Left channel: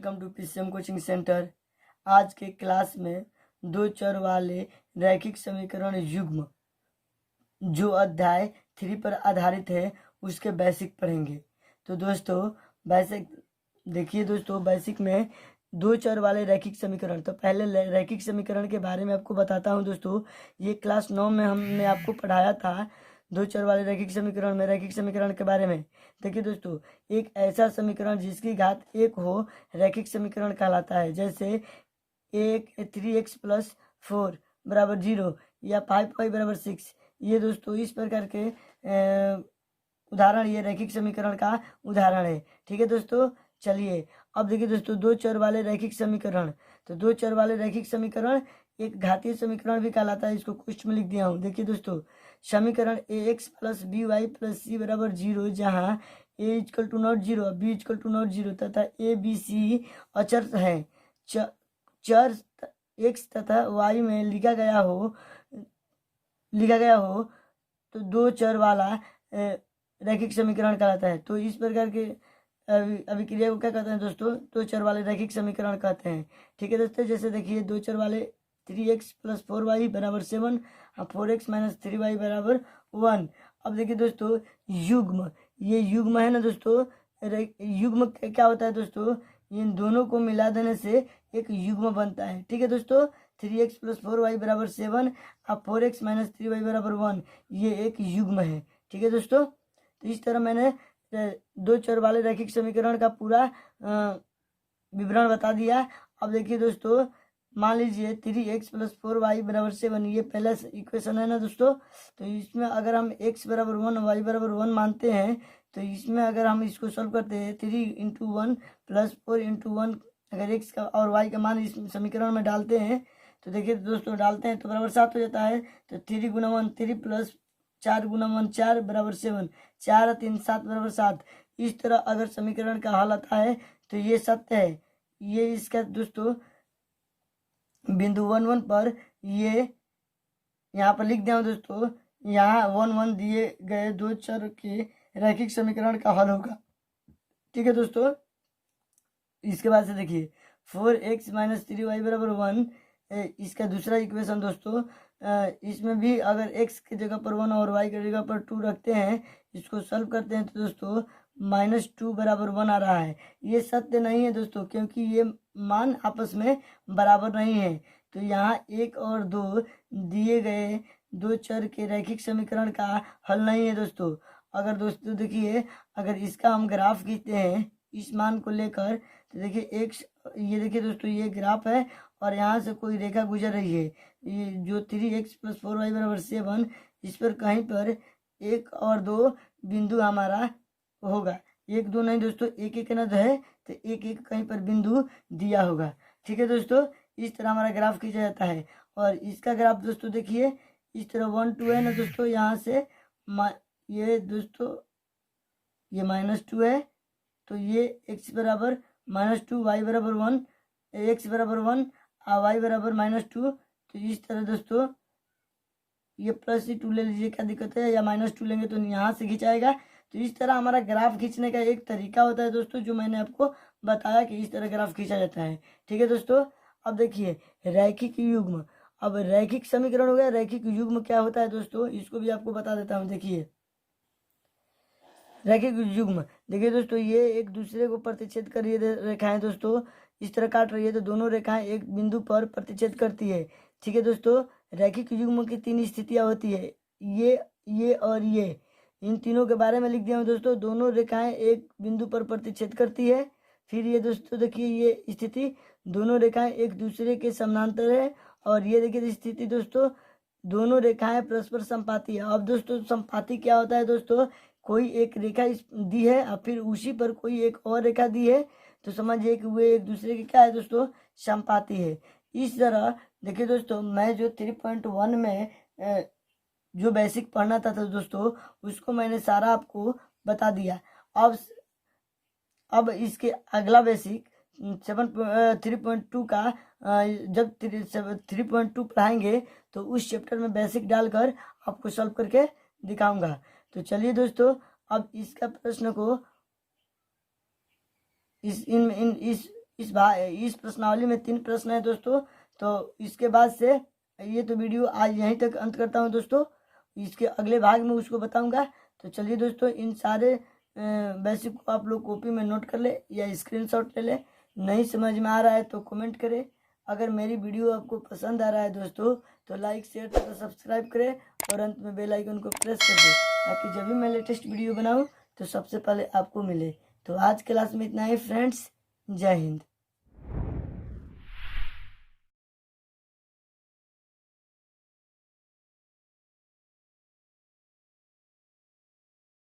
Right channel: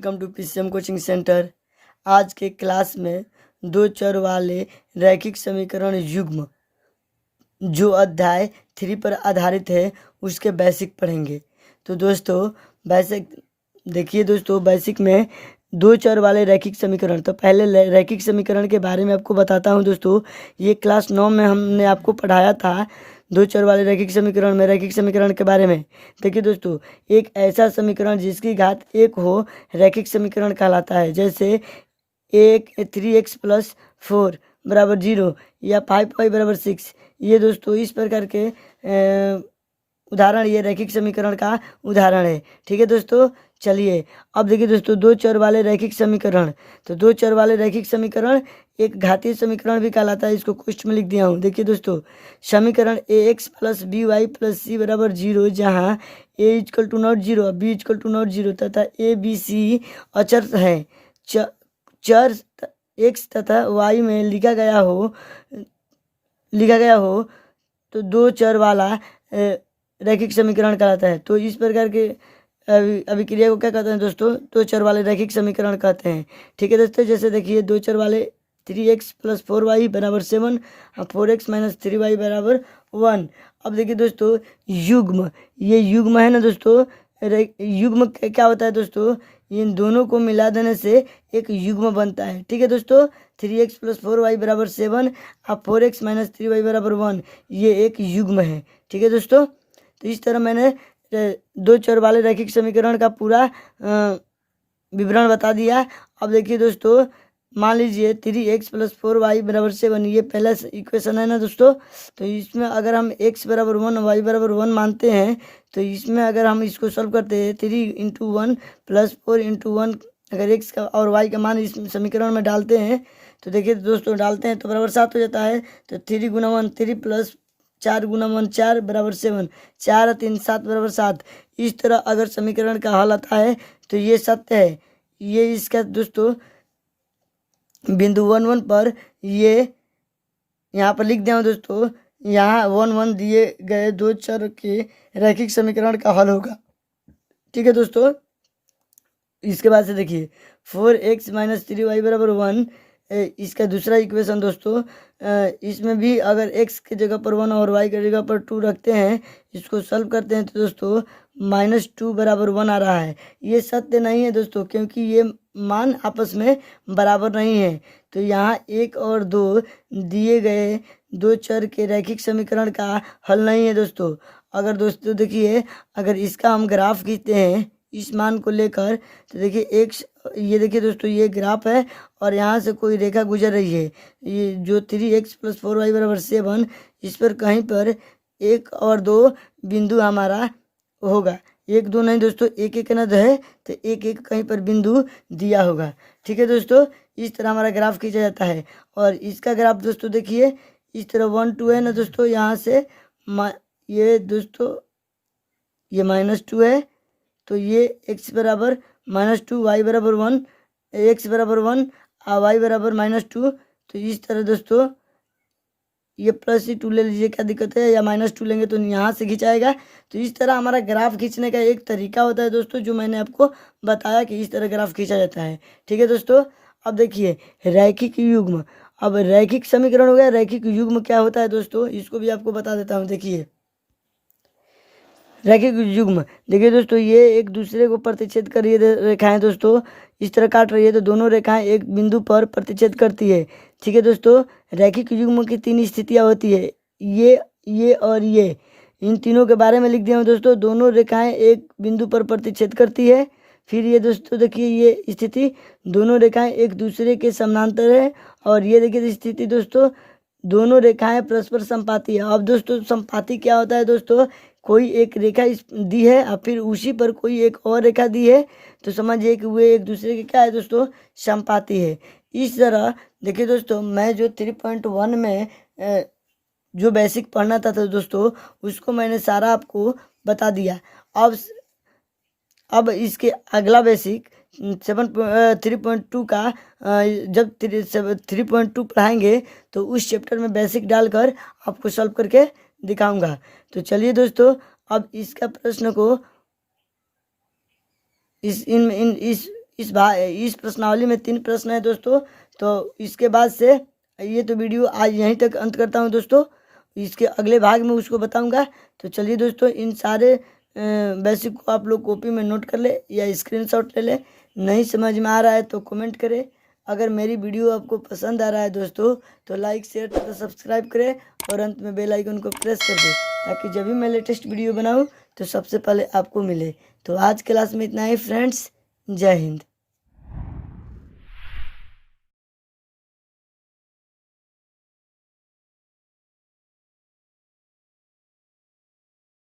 Welcome to PCM coaching centre. आज के class में दो चर वाले रैखिक समीकरण युग्म जो अध्याय 3 पर आधारित है उसके बेसिक पढ़ेंगे। तो दोस्तों बेसिक देखिए दोस्तों, बेसिक में दो चर वाले रैखिक समीकरण। तो पहले रैखिक समीकरण के बारे में आपको बताता हूँ दोस्तों। ये क्लास 9 में हमने आपको पढ़ाया था दो चर वाले रैखिक समीकरण में, रैखिक समीकरण के बारे में। देखिए दोस्तों, एक ऐसा समीकरण जिसकी घात 1 हो रैखिक समीकरण कहलाता है। जैसे 3x+4 बराबर 0 या 5y बराबर 6। ये दोस्तों इस प्रकार के उदाहरण ये रैखिक समीकरण का उदाहरण है। ठीक है दोस्तों, चलिए अब देखिए दोस्तों, दो चर वाले रैखिक समीकरण। तो दो चर वाले रैखिक समीकरण एक घातीय समीकरण भी कहलाता है। इसको क्वेश्चन में लिख दिया हूँ। देखिए दोस्तों, समीकरण ax+by+c बराबर 0 जहाँ a equal to not 0 b equal to not 0 तथा a b c अचर है। चर x तथा y में लिखा गया हो तो दो चर वाला रैखिक समीकरण कहलाता है। तो इस प्रकार के अभिक्रिया को क्या कहते हैं दोस्तों? दो चर वाले रैखिक समीकरण कहते हैं। ठीक है दोस्तों, जैसे देखिए दो चर वाले 3x+4y बराबर 7 और 4x - 3y बराबर 1। अब देखिए दोस्तों, युग्म, ये युग्म है ना दोस्तों। युग्म क्या होता है दोस्तों? इन दोनों को मिला देने से एक युग्म बनता है। ठीक है दोस्तों, 3x+4y बराबर 7 और 4x - 3y बराबर 1, ये एक युग्म है। ठीक है दोस्तों, तो इस तरह मैंने दो चर वाले रैखिक समीकरण का पूरा विवरण बता दिया। अब देखिए दोस्तों, मान लीजिए 3x+4y बराबर 7, ये पहला इक्वेशन है ना दोस्तों। तो इसमें अगर हम x बराबर 1 y बराबर 1 मानते हैं, तो इसमें अगर हम इसको सॉल्व करते हैं 3 × 1 + 4 × 1, अगर x का और y का मान इस समीकरण में डालते हैं तो देखिए दोस्तों, डालते हैं तो बराबर 7 हो जाता है। तो 3 × 1 3 + 4 × 1 4 बराबर 7, 4 और 3 7 बराबर 7। इस तरह अगर समीकरण का हल आता है तो ये सत्य है। ये इसका दोस्तों बिंदु 1 1 पर ये यहाँ पर लिख दिया दोस्तों। यहाँ 1 1 दिए गए दो चर के रैखिक समीकरण का हल होगा। ठीक है दोस्तों, इसके बाद से देखिए 4x - 3y बराबर 1, इसका दूसरा इक्वेशन दोस्तों। इसमें भी अगर x की जगह पर 1 और y की जगह पर 2 रखते हैं, इसको सॉल्व करते हैं तो दोस्तों -2 बराबर 1 आ रहा है। ये सत्य नहीं है दोस्तों, क्योंकि ये मान आपस में बराबर नहीं है। तो यहाँ 1 और 2 दिए गए दो चर के रैखिक समीकरण का हल नहीं है दोस्तों। अगर दोस्तों देखिए, अगर इसका हम ग्राफ खींचते हैं इस मान को लेकर, तो देखिए ये देखिए दोस्तों, ये ग्राफ है और यहाँ से कोई रेखा गुजर रही है। ये जो 3x+4y बराबर 7, इस पर कहीं पर 1 और 2 बिंदु हमारा होगा। 1 2 नहीं दोस्तों, 1 1 न है तो 1 1 कहीं पर बिंदु दिया होगा। ठीक है दोस्तों, इस तरह हमारा ग्राफ खींचा जाता है। और इसका ग्राफ दोस्तों देखिए इस तरह 1 2 है ना दोस्तों। यहाँ से ये दोस्तों ये -2 है, तो ये x बराबर -2 y बराबर 1, x बराबर 1 और y बराबर -2। तो इस तरह दोस्तों ये +2 ले लीजिए, क्या दिक्कत है, या -2 लेंगे तो यहाँ से खिंचाएगा। तो इस तरह हमारा ग्राफ खींचने का एक तरीका होता है दोस्तों, जो मैंने आपको बताया कि इस तरह ग्राफ खींचा जाता है। ठीक है दोस्तों, अब देखिए रैखिक युग्म। अब रैखिक समीकरण हो गया, रैखिक युग्म क्या होता है दोस्तों, इसको भी आपको बता देता हूँ। देखिए रैखिक युग्म, देखिए दोस्तों, ये एक दूसरे को प्रतिच्छेद कर रही है रेखाएं दोस्तों, इस तरह काट रही है तो दोनों रेखाएं एक बिंदु पर प्रतिच्छेद करती है। ठीक है दोस्तों, रैखिक युग्म की 3 स्थितियां होती है, ये और ये। इन तीनों के बारे में लिख दिया हूँ दोस्तों। दोनों रेखाएं एक बिंदु पर प्रतिच्छेद करती है। फिर ये दोस्तों देखिए, ये स्थिति दोनों रेखाएं एक दूसरे के समानांतर है। और ये देखिए स्थिति दोस्तों, दोनों रेखाएं परस्पर संपाती है। अब दोस्तों संपाती क्या होता है दोस्तों? कोई एक रेखा दी है और फिर उसी पर कोई एक और रेखा दी है, तो समझिए कि वे एक दूसरे के क्या है दोस्तों? संपाती है। इस तरह देखिए दोस्तों, मैं जो 3.1 में जो बेसिक पढ़ना था तो दोस्तों उसको मैंने सारा आपको बता दिया। अब इसके अगला बेसिक 3.2 का जब 3.2 पढ़ाएंगे तो उस चैप्टर में बेसिक डालकर आपको सॉल्व करके दिखाऊंगा। तो चलिए दोस्तों, अब इसका प्रश्न को इस प्रश्नावली में 3 प्रश्न है दोस्तों। तो इसके बाद से ये तो वीडियो आज यहीं तक अंत करता हूँ दोस्तों। इसके अगले भाग में उसको बताऊंगा। तो चलिए दोस्तों, इन सारे बेसिक को आप लोग कॉपी में नोट कर ले या स्क्रीनशॉट ले ले। नहीं समझ में आ रहा है तो कमेंट करें। अगर मेरी वीडियो आपको पसंद आ रहा है दोस्तों तो लाइक शेयर तथा सब्सक्राइब करें और अंत में बेल आइकन को प्रेस कर दें, ताकि जब भी मैं लेटेस्ट वीडियो बनाऊं तो सबसे पहले आपको मिले। तो आज क्लास में इतना ही फ्रेंड्स। जय हिंद।